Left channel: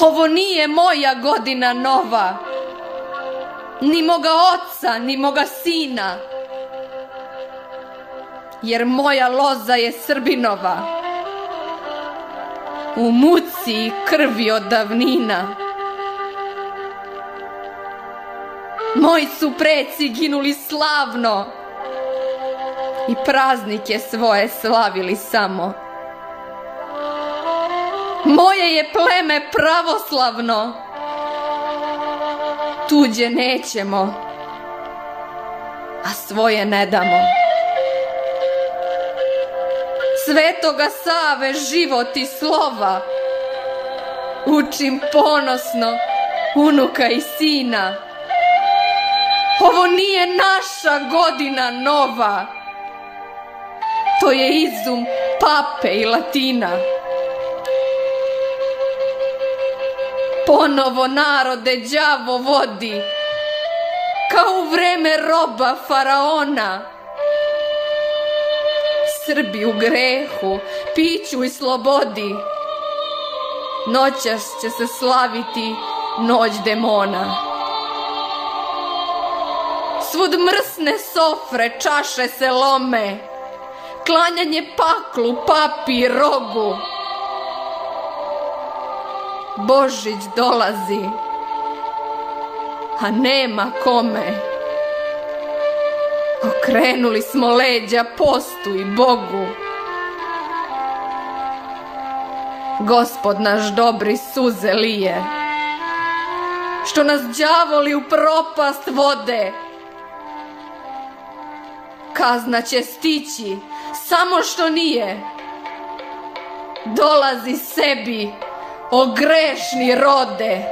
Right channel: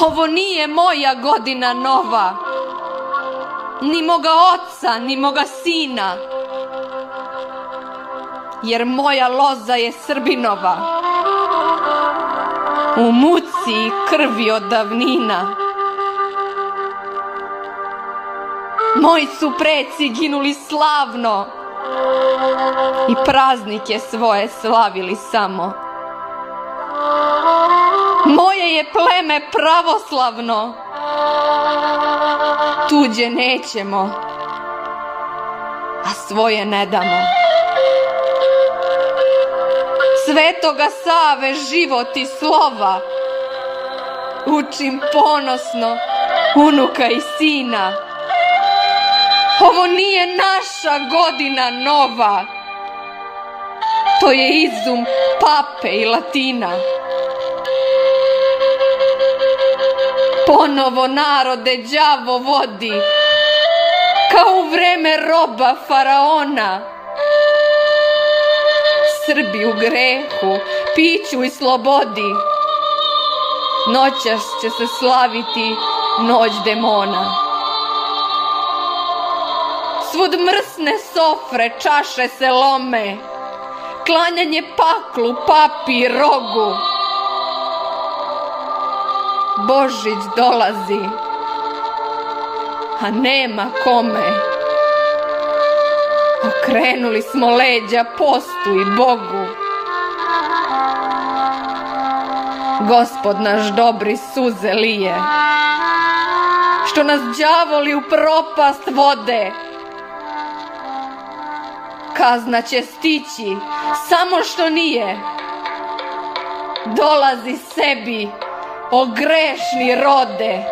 Ovo nije moja godina nova, ni moga oca, ni moga sina, jer moja loza je Srbinova, u muci i krvi od davnina. Moji su preci ginuli slavno i praznike svoje slavili samo. Moje je pleme pravoslavno, tuđe nećemo, a svoje ne damo. Svetoga Save život i slova učim ponosno unuka i sina. Ovo nije naša godina nova, to je izum pape i Latina. Ponovo narode đavo vodi, kao u vreme roba faraona. Srbi u grehu, piću i slobodi, noćas će se slaviti noć demona. Svud mrsne sofre, čaše se lome, klanjanje paklu, papi i rogu. Božić dolazi, a nema kome. Okrenuli smo leđa postu i Bogu. Gospod naš dobri suze lije, što nas đavoli u propast vode. Kazna će stići, samo što nije. Dolazi sebi, o grešni rode.